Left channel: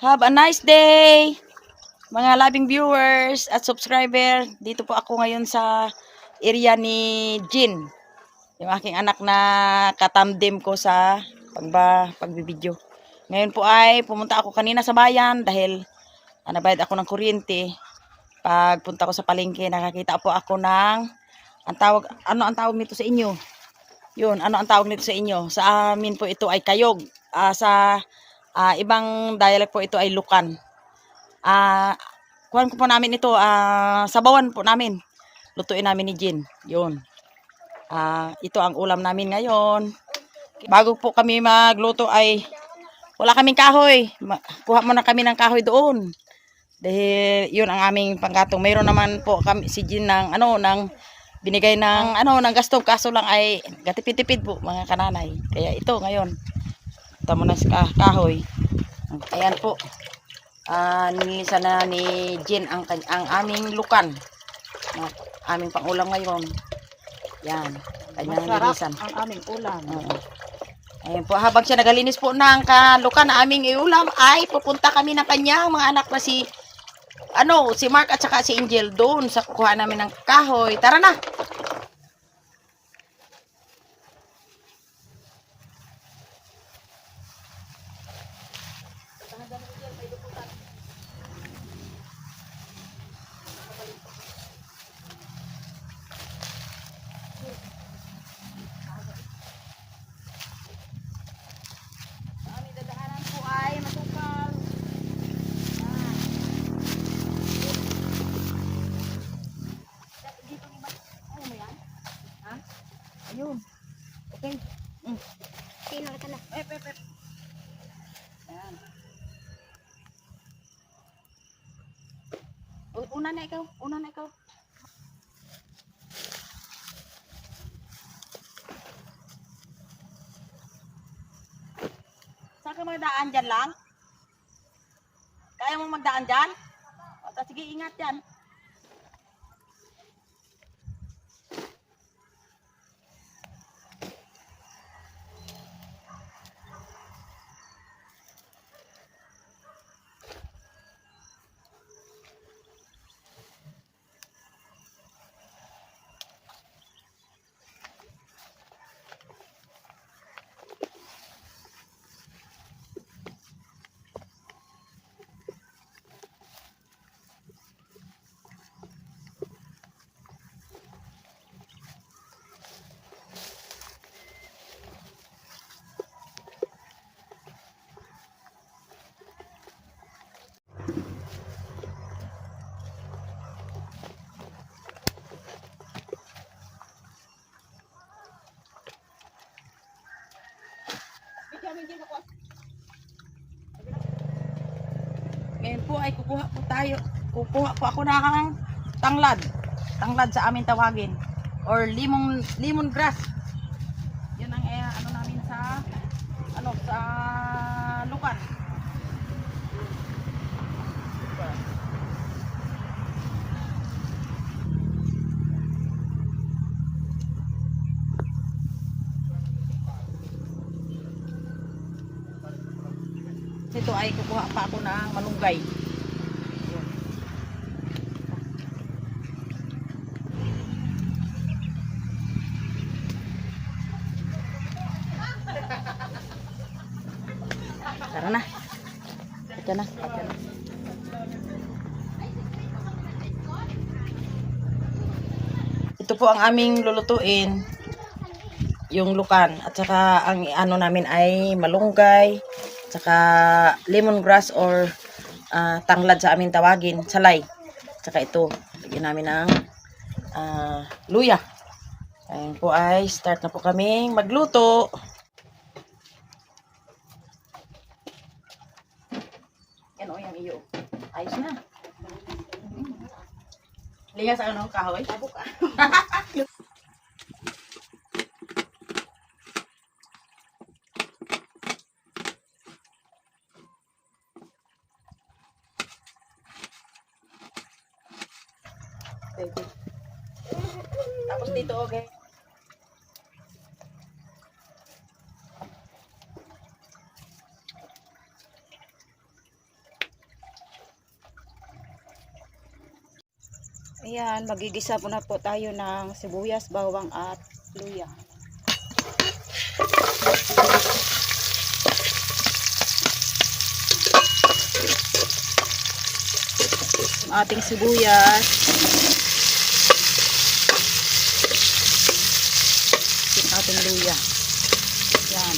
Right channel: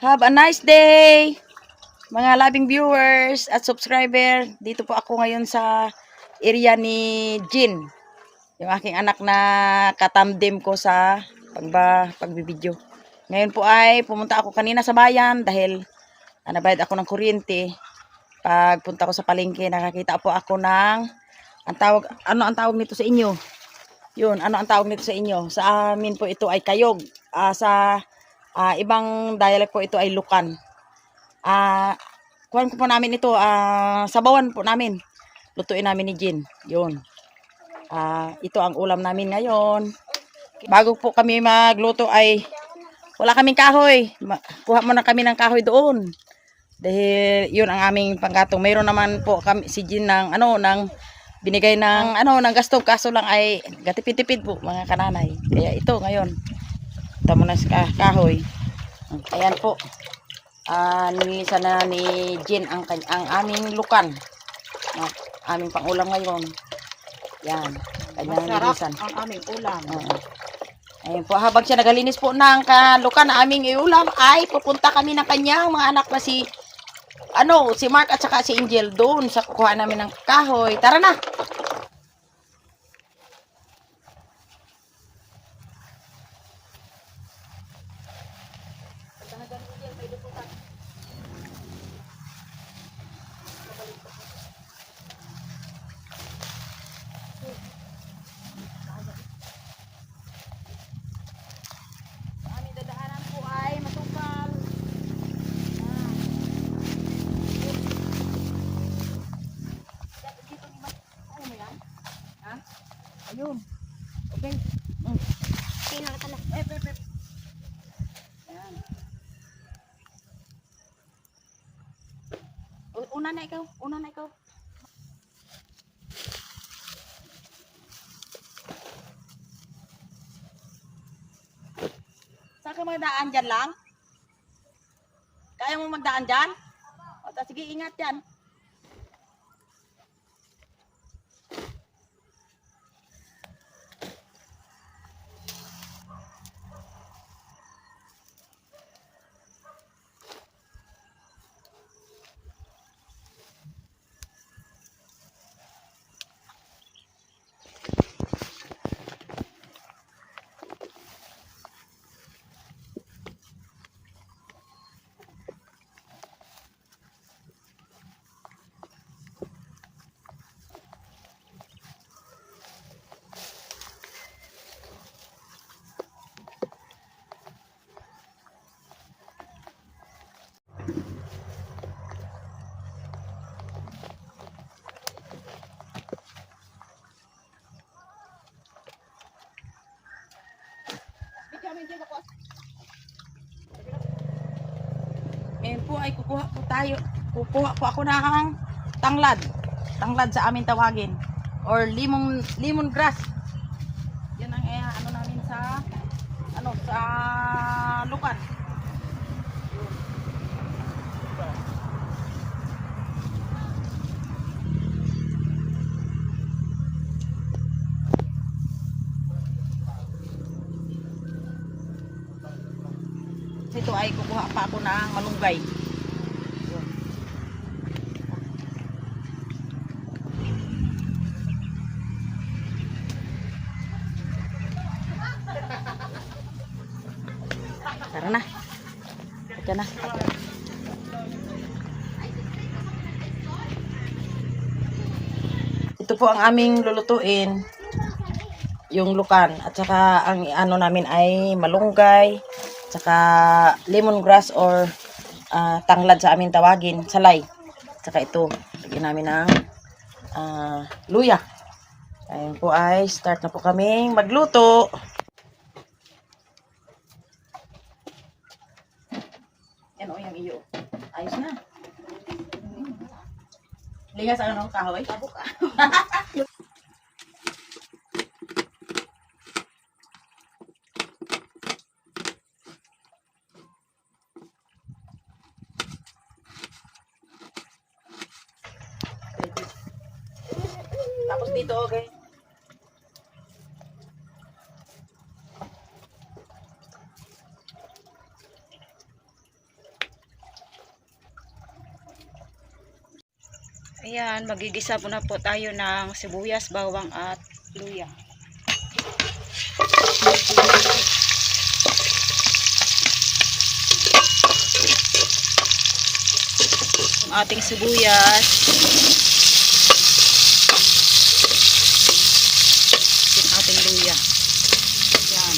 Have a nice day, mga loving viewers at subscriber. Dito po ako ngayon sa area ni Jin, yung aking anak na katandem ko sa pagbibideo. Ngayon po ay pumunta ako kanina sa bayan dahil nabayad ako ng kuryente. Pagpunta ko sa palengke, nakakita po ako ng ano ang tawag nito sa inyo? Yun, ano ang tawag nito sa inyo? Sa amin po ito ay kayog. Sa ibang dialect po ito ay lukan. Kuhan ko po namin ito, sabawan po namin. Lutuin namin ni Jin. Yun. Ito ang ulam namin ngayon. Bago po kami magluto ay wala kaming kahoy. Kuha muna kami ng kahoy doon. Dahil yun ang aming panggatong. Mayroon naman po kami si Jin ng binigay ng ng gasto, kaso lang ay gatipid-tipid po mga kananay. Kaya ito ngayon. Ito muna sa kahoy. Ayan po. Nilinisan na ni Jin ang aming lukan. Aming pangulam ngayon. Yan. Kanyang nilinisan. Ang aming ulam. Ayan po. Habang siya nagalinis po ng lukan na aming iulam, ay pupunta kami ng kanyang mga anak na si Mark at saka si Angel doon sa kukuha namin ng kahoy. Tara na! Ayun. Okay. Tingnan ka na. Ayan. Una na ikaw. Saan ka magdaan dyan lang? Kaya mo magdaan dyan? Sige, ingat yan. Ngayon po ay kukuha po ako ng tanglad sa amin tawagin, or lemon grass. Yan ang namin sa lukan. Ito ay kukuha pa ako ng malunggay. Yun. Tara na. Ito na. Ito po ang aming lulutuin. Yung lukan. At saka ang namin ay malunggay. Saka lemongrass or tanglad sa amin tawagin, salay. Saka ito, lagyan namin ng luya. Ayun po ay start na po kaming magluto. Yan o, yung iyo. Ayos na. Ligas ang kahoy. Tapos dito, okay. Ayan, magigisa po na po tayo ng sibuyas, bawang at luya. Yung ating sibuyas. Yung ating luya. Ayan.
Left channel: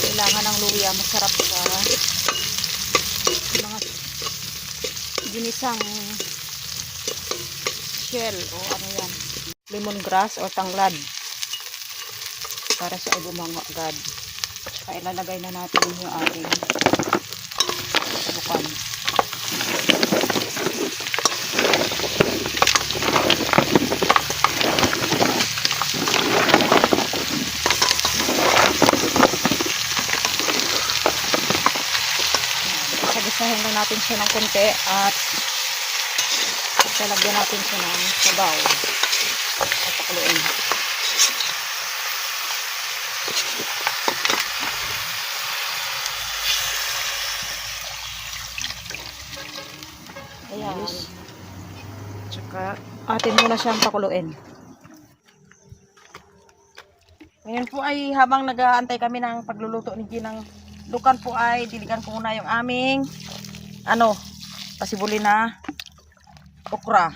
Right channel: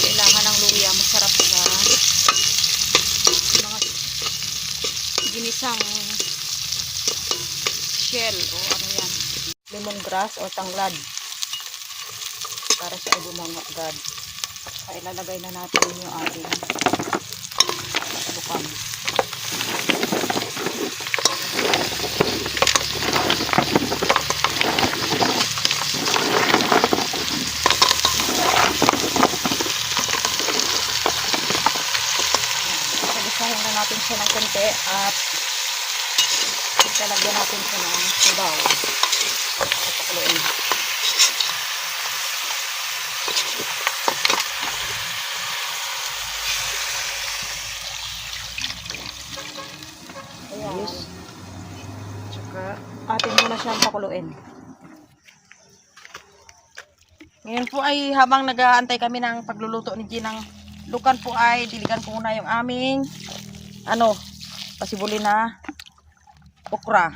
Kailangan ng luya. Masarap sa mga ginisang shell o ano yan. Lemongrass o tanglad. Para sa agumangagad. Kaya ilalagay na natin yung ating bukan. Sabisahin na natin siya ng konti at talagyan natin siya ng sabaw. Papakuloyin. Ayan. Tsaka atin muna siyang pakuluin. Ngayon po ay habang nag-aantay kami ng pagluluto ni Jean ng lukan po ay diligan ko muna yung aming pasibuli na okra.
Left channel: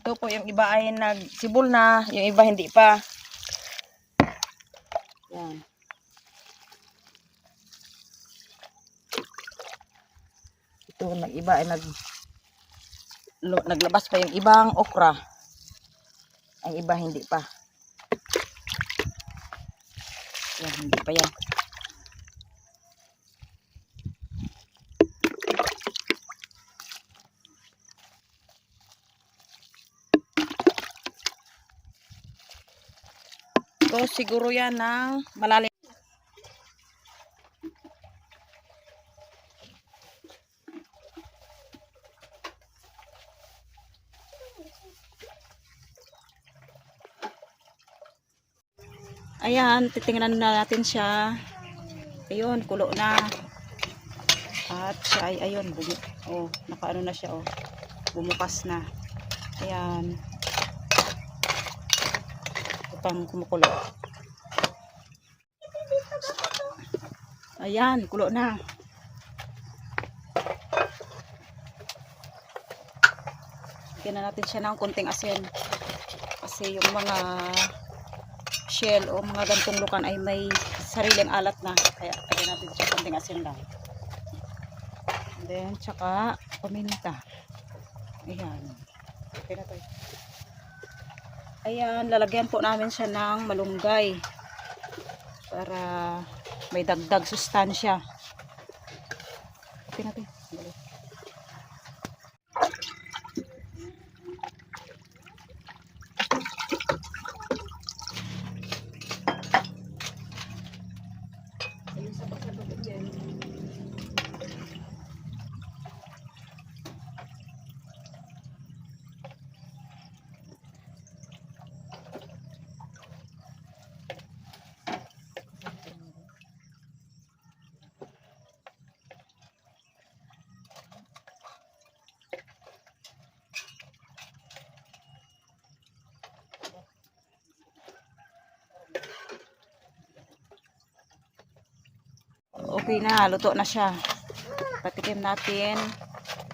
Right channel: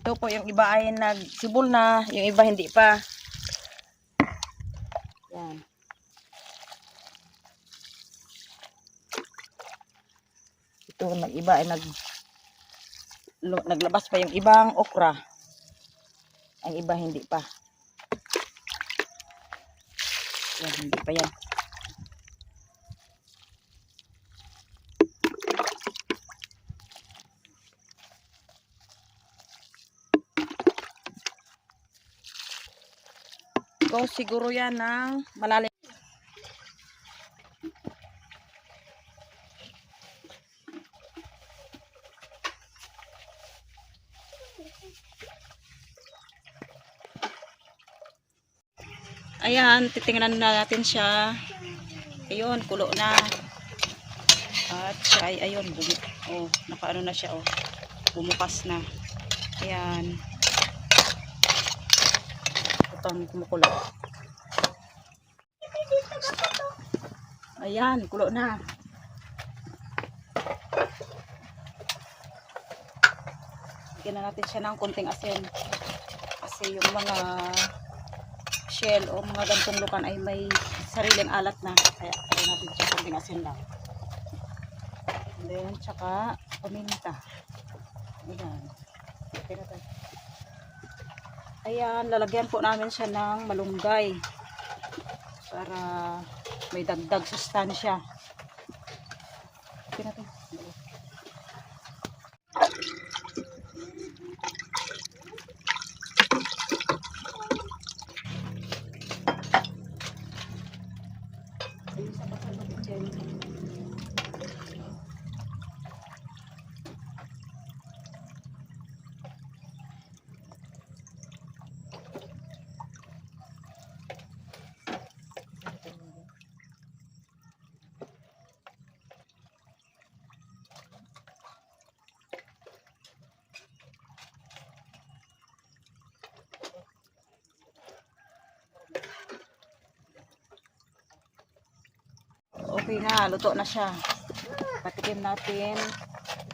Ito po yung iba ay nagsibol na, yung iba hindi pa. Yan. Ito nag-iba ay naglabas pa yung ibang okra. Ang iba hindi pa. Yan, hindi pa yan. So, siguro yan ng malalim. Ayan, titingnan na natin siya. Ayun, kulo na. At siya ay, ayun, nakaano na siya, bumukas na. Ayan. Ito pang kumukulo. Ayan, kulo na. Bigyan na natin siya ng konting asin. Kasi yung mga shell o mga gantong lukan ay may sariling alat na, kaya lagyan natin siya konting asin lang. And then tsaka paminta. Ayan. Okay na tayo. Ayan, lalagyan po namin siya ng malunggay para may dagdag sustansya. Okay na tayo. Okay na, luto na siya. Patikim natin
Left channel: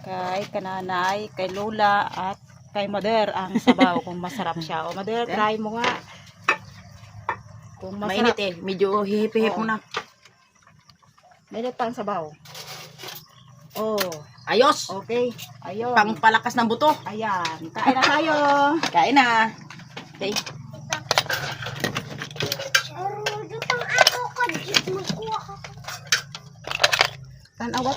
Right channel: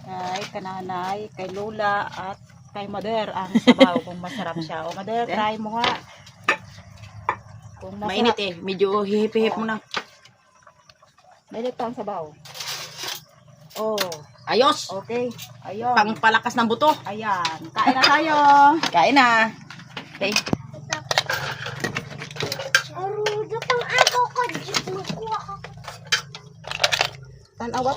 kay kananay, kay lola at kay mother ang sabaw kung masarap siya. O mother, try mo nga. Kung masarap. Mainit eh, medyo hihip-hihip muna. Mainit ang sabaw. Oh, Ayos! okay. Ayun. Pangpalakas ng buto. Ayan, kain na tayo. Kain na. Okay. Tanawa.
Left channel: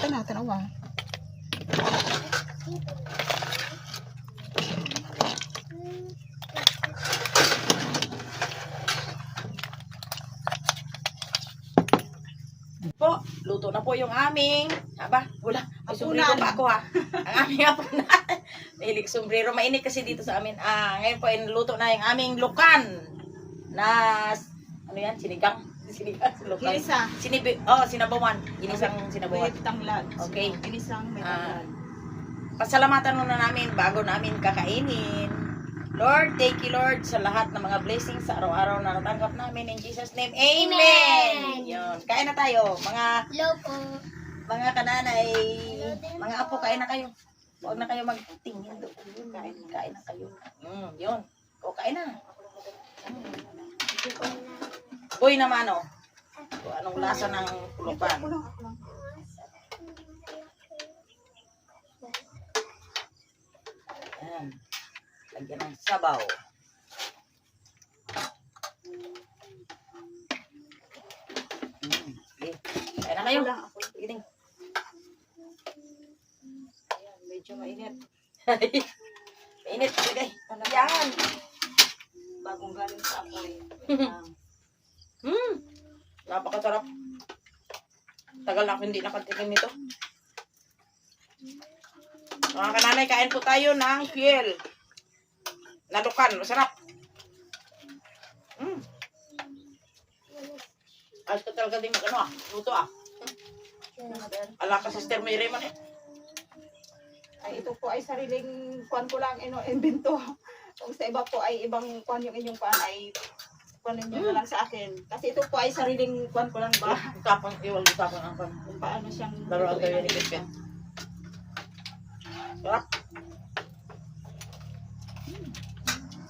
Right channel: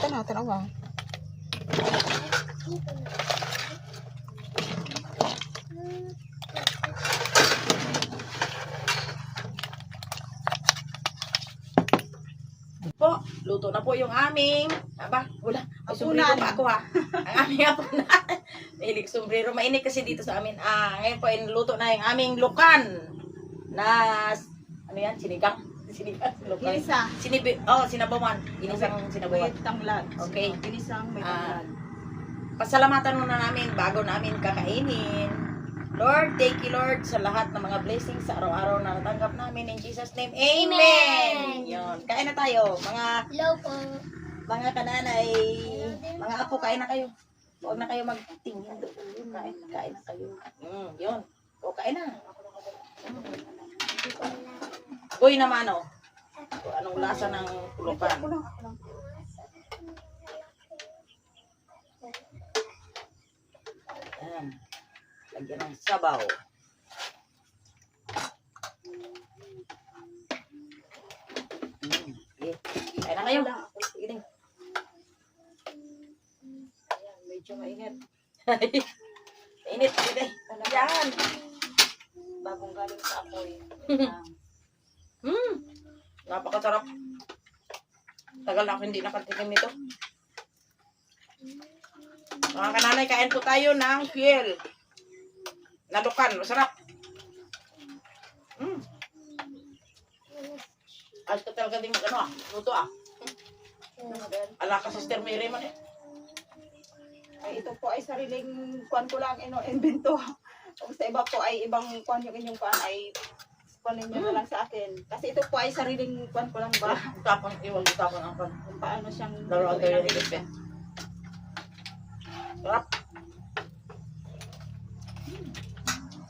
Po, luto na po yung aming, wala, may sombrero Hapunan. pa ako ha. Ang aming hapunan. Ilik sombrero, mainit kasi dito sa amin. Ngayon po, luto na yung aming lukan na, ano yan, sinigang. Sinigang sa lukan. Ginisa. Sinabawan. Ginisang sinabawan. May tanglad. Okay. Ginisang may Ah. tanglad. Pasalamatan muna namin bago namin kakainin. Lord, thank you Lord sa lahat ng mga blessings sa araw-araw na natanggap namin. In Jesus name, Amen! Yun. Kain na tayo. Hello po. Mga kananay, mga apo, kain na kayo. Huwag na kayo magtingin doon. Kain na kayo. Yun. O, kain na. Uy naman, oh. Kung anong lasa ng pulupan. Ako lang. Ayan. Lagyan ng sabaw. Sige. Kain na kayo. Sige din. Ayan, medyo mainit. Init. Sige. Yan. Bagong galing sa apoy. Napakasarap. Tagal na ako hindi nakatikim nito. Mga kananay, kain po tayo ng fiel. Nalukan. Masarap. Ayos ka talaga din mag-ano luto Ala ka Sister Mary man eh. Ay, ito po ay sariling kuan ko lang invento. Kung sa iba po ay ibang kuan yung inyong kuan ay kuanin nyo na lang sa akin. Kasi ito po ay sariling kuan ko lang ba? Utapang ang kan. Kung paano siyang Laro ang tayo lutuin ni ang Cristian. Sarap.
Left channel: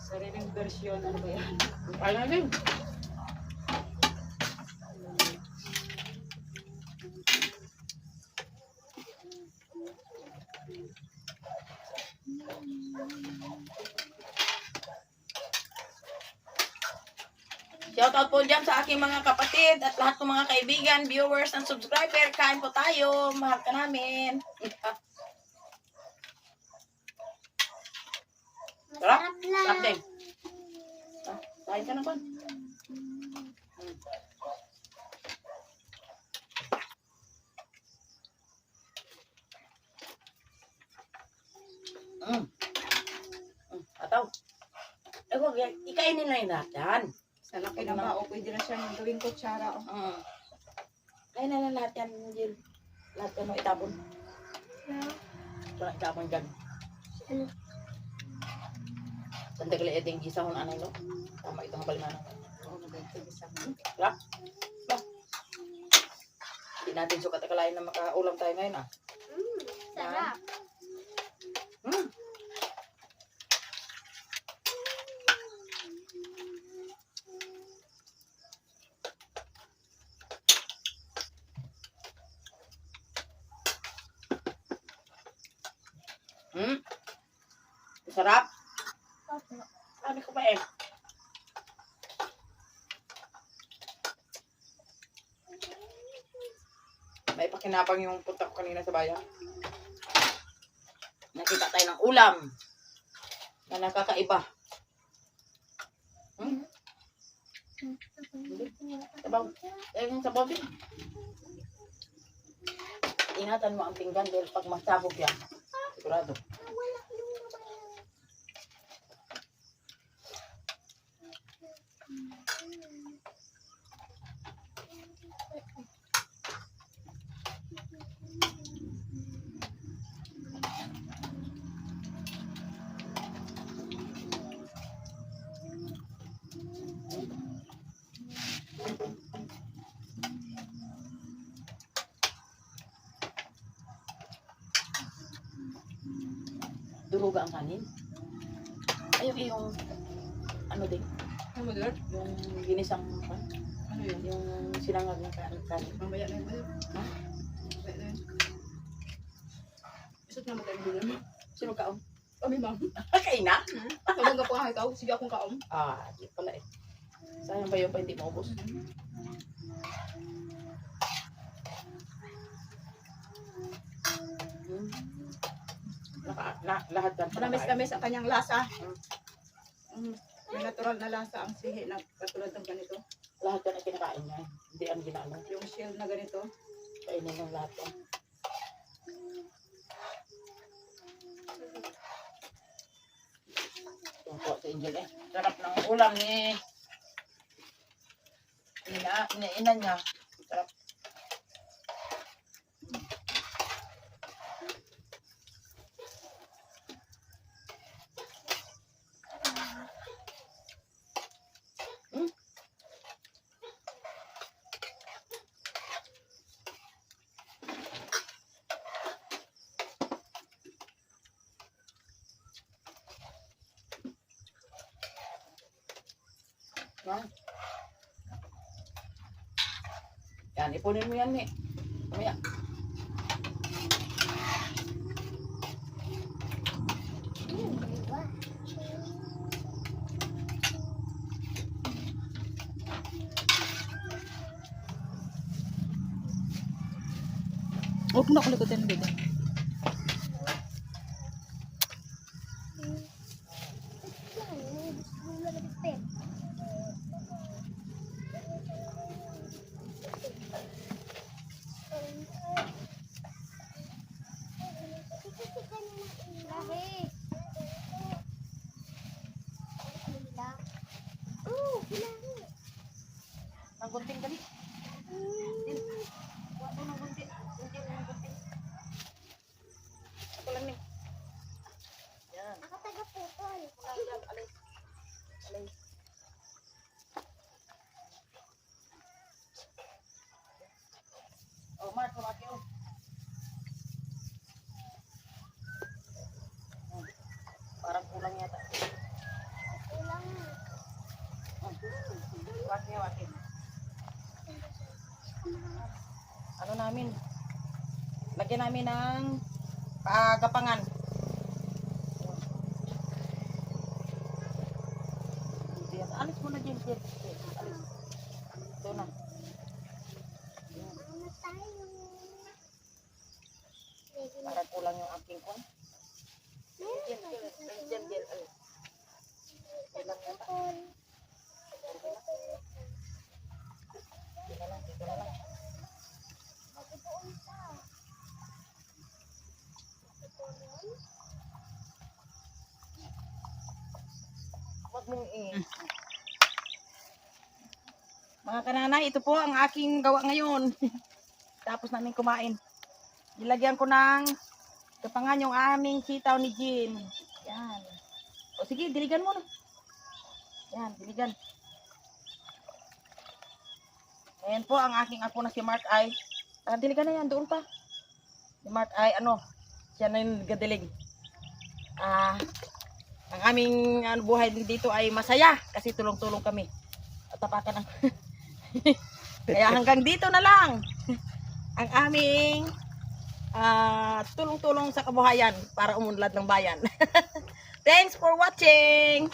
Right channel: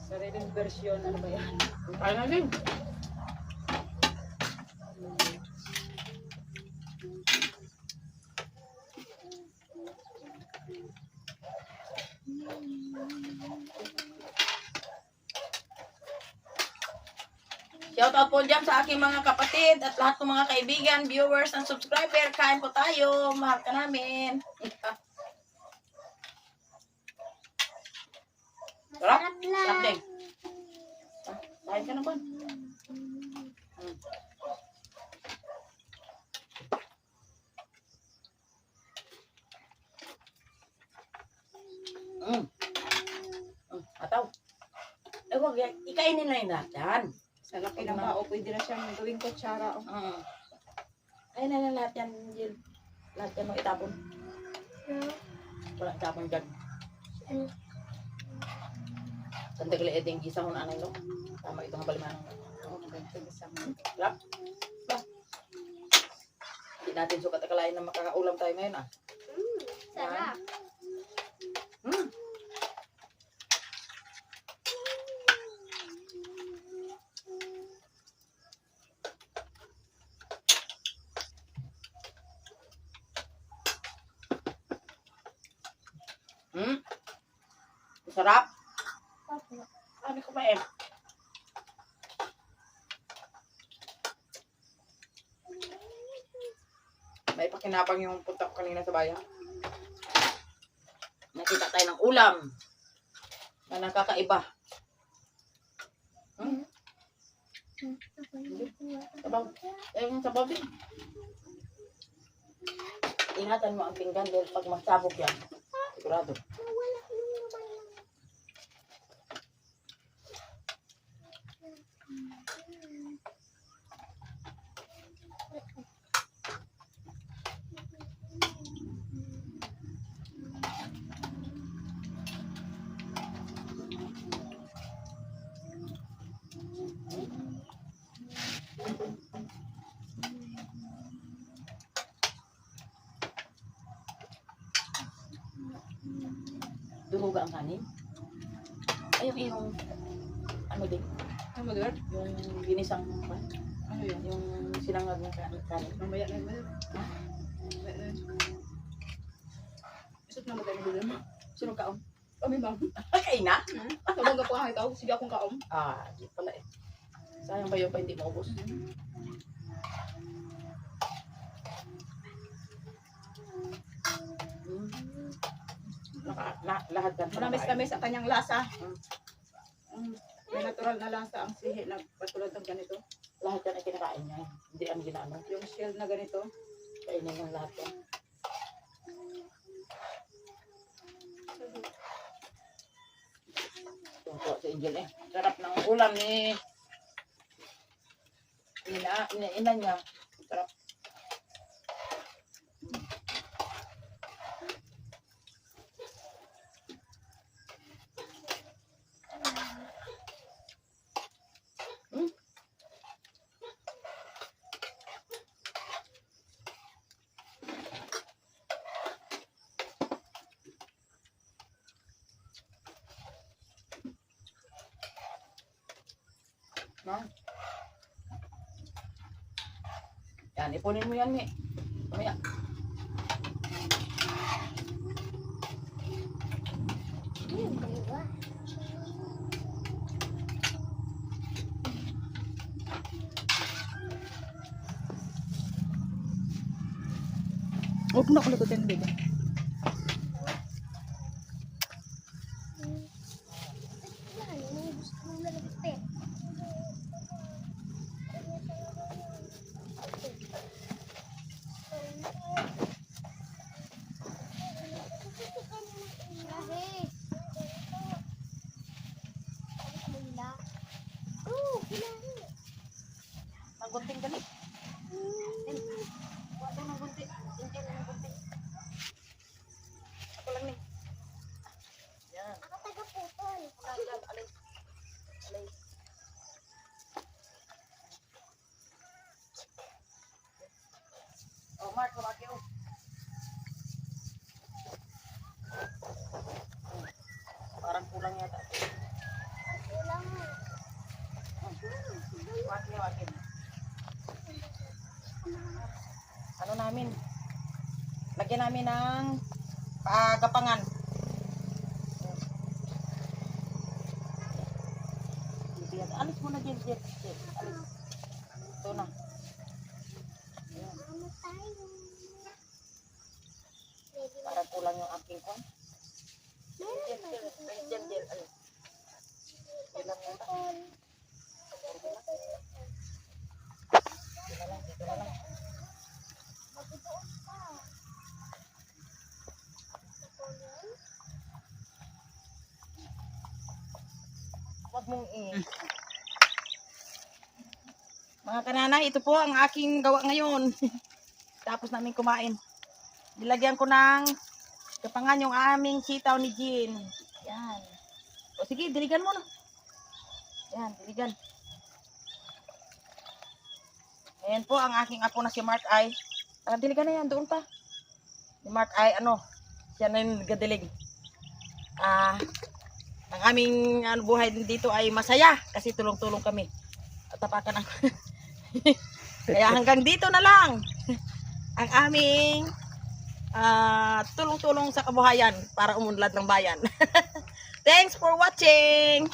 sariling version. Ano ba yan? Kaya na din. Shout out po dyan sa aking mga kapatid at lahat ng mga kaibigan, viewers, and subscriber. Kain po tayo. Mahal ka namin. Sarap? Sarap din. Kain ka na ba? Ataw. Wag yan. Ikainin na yun natin. Sa laki ng bao, pwede na siyang gawing kutsara. Kain na lahat yan. Lahat yan mo itapon. Wala itapon dyan. Sandali eding gisa ko na ano, no? Tama itong balimanan. Oo, maganda isang. Sarap. Hindi natin sukat akalain na makaulam tayo ngayon, Sarap. Sarap. Sabi ko pa eh. May pakinabang yung punta ko kanina sa bayan. Nakita tayo ng ulam na nakakaiba. Sabaw. Yung sabaw din. Ingatan mo ang pinggan dahil pag masabog yan, sigurado. Duruga ang kanin. Ay, yung ano din, Ano ba? yung ginisang, Ano yan? yung silangag ng kanin. Mamaya na yun. Ha? Mamaya na yun. Isot na matay mo din. Sino kaon? Kami bang? Kain na? Sabang ka pa ikaw. Sige akong kaom. Di pala eh. Sayang ba yun pa hindi maubos? Lahat yan. Manamis-tamis ang kanyang lasa. May natural na lasa ang sihi na katulad ng ganito. Lahat yan ay kinakain niya. Hindi ang ginaano. Yung shell na ganito. Kainin yung lahat yan. Yung po si Angel eh. Sarap ng ulam ni Ina niya. Sarap. Hmm. Yan, ipunin mo yan, Mi. Mamaya. Huwag mo na kulikutin, baby. Ang gunting dali. Din. Huwag mo ng gunting. Hindi ng gunting. Ako lang, Mi. Yan. Ako taga-putol. Yan, alay. Alay. Oh, Mark, kumaki, oh. Oh, parang kulang yata. Kulang. Waki, waki. Ano namin? Lagyan namin ng gapangan. Alis mo na, Jen. Alis. Ito na. Ayan. Ano tayo? Parang kulang yung aking kwan. Meron Jen, pa dito. Jen. Alis. Kulang yata. Dito na lang. Magdoon pa. Huwag mong Mga kananay, ito po ang aking gawa ngayon. Tapos namin kumain. Nilagyan ko ng kapangan yung aming sitaw ni Jean. Yan. O sige, diligan mo na. Yan, diligan. Ayan po ang aking apo na si Mark ay. Diligan na yan, doon pa. Si Mark ay siya na yung nagadilig. Ang aming buhay dito ay masaya kasi tulong-tulong kami. At tapakan ako. Kaya hanggang dito na lang ang aming tulong-tulong sa kabuhayan para umunlad ng bayan. Thanks for watching!